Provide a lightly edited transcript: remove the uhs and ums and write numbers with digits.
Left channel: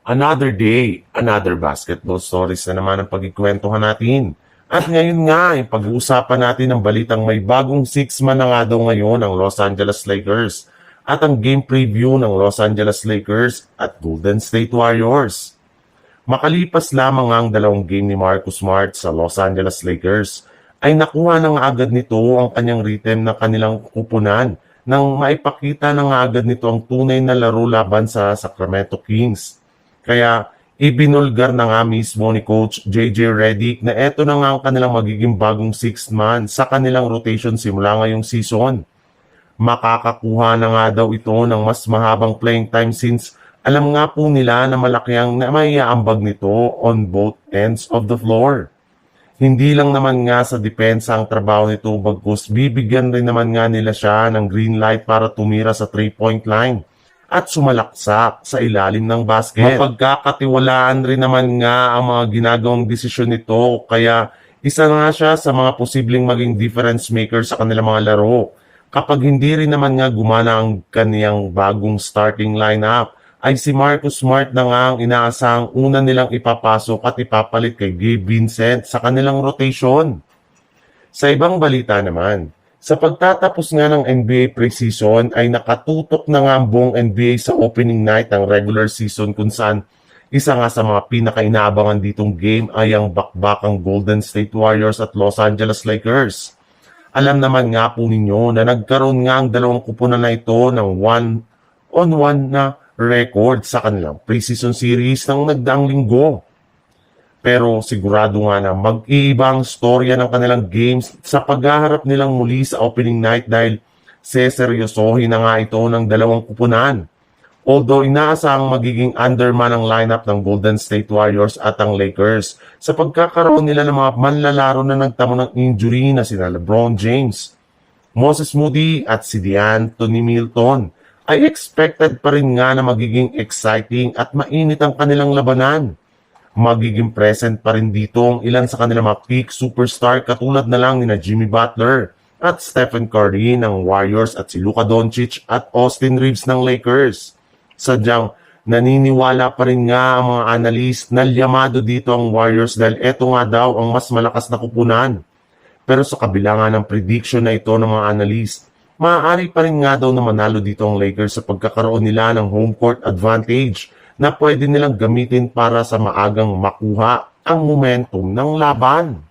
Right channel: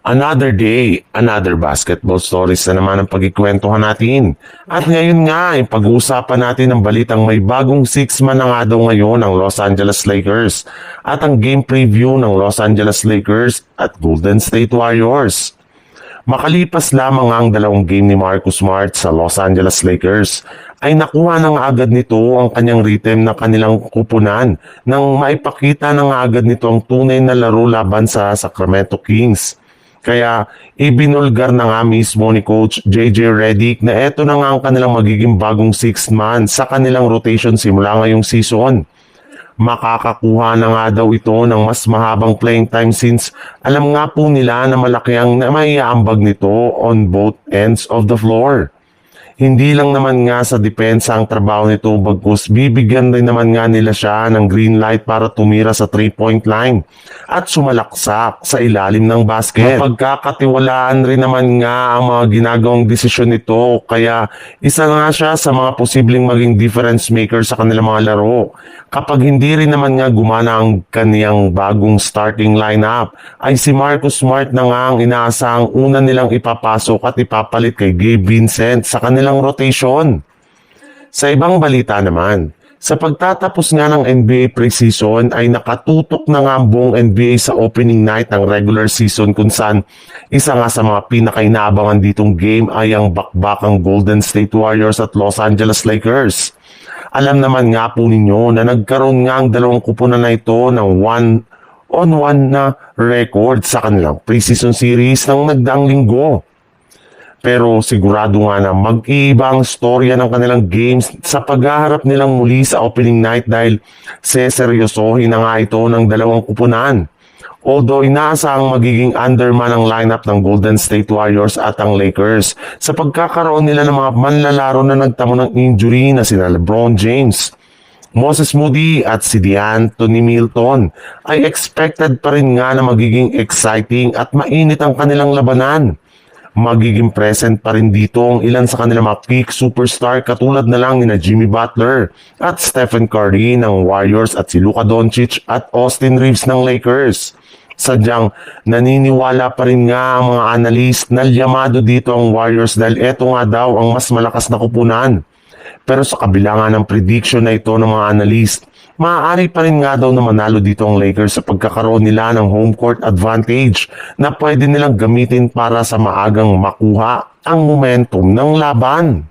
Another day, another basketball stories na naman ang pagkikwentuhan natin. At ngayon nga, pag-uusapan natin ang balitang may bagong six-man na nga daw ngayon ang Los Angeles Lakers at ang game preview ng Los Angeles Lakers at Golden State Warriors. Makalipas lamang ang dalawang game ni Marcus Smart sa Los Angeles Lakers, ay nakuha na nga agad nito ang kanyang rhythm na kanilang kupunan nang maipakita na nga agad nito ang tunay na laro laban sa Sacramento Kings. Kaya ibinulgar na nga mismo ni Coach JJ Redick na eto na nga ang kanilang magiging bagong sixth man sa kanilang rotation simula ngayong season. Makakakuha na nga daw ito ng mas mahabang playing time since alam nga po nila na malaki ang maiaambag nito on both ends of the floor. Hindi lang naman nga sa depensa ang trabaho nito bagkus bibigyan rin naman nga nila siya ng green light para tumira sa 3-point line at sumalaksak sa ilalim ng basket. Pagkakatiwalaan rin naman nga ang mga ginagawang desisyon nito kaya isa nga siya sa mga posibleng maging difference maker sa kanilang mga laro. Kapag hindi rin naman nga gumana ang kaniyang bagong starting lineup, ay si Marcus Smart na nga ang inaasahang una nilang ipapasok at ipapalit kay Gabe Vincent sa kanilang rotation. Sa ibang balita naman, sa pagtatapos nga ng NBA preseason ay nakatutok na nga ang buong NBA sa opening night ng regular season kung saan isa nga sa mga pinakainabangan ditong game ay ang bakbakang Golden State Warriors at Los Angeles Lakers. Alam naman nga po ninyo na nagkaroon nga ang dalawang kupunan na ito ng 1-on-1 na record sa kanilang preseason series ng nagdaang linggo. Pero sigurado nga na mag-iiba ang storya ng kanilang games sa paghaharap nilang muli sa opening night dahil seseryosohin na nga ito ng dalawang kupunan. Although inaasahang magiging underman ang lineup ng Golden State Warriors at ang Lakers sa pagkakaroon nila ng mga manlalaro na nagtamo ng injury na sina LeBron James, Moses Moody at si DeAnthony Milton, ay expected pa rin nga na magiging exciting at mainit ang kanilang labanan. Magiging present pa rin dito ang ilan sa kanilang mga peak superstar katulad na lang ni Jimmy Butler at Stephen Curry ng Warriors at si Luka Doncic at Austin Reeves ng Lakers. Sadyang naniniwala pa rin nga ang mga analyst na llamado dito ang Warriors dahil eto nga daw ang mas malakas na kupunan. Pero sa kabila nga ng prediction na ito ng mga analyst, maaari pa rin nga daw na manalo dito ang Lakers sa pagkakaroon nila ng home court advantage na pwede nilang gamitin para sa maagang makuha ang momentum ng laban.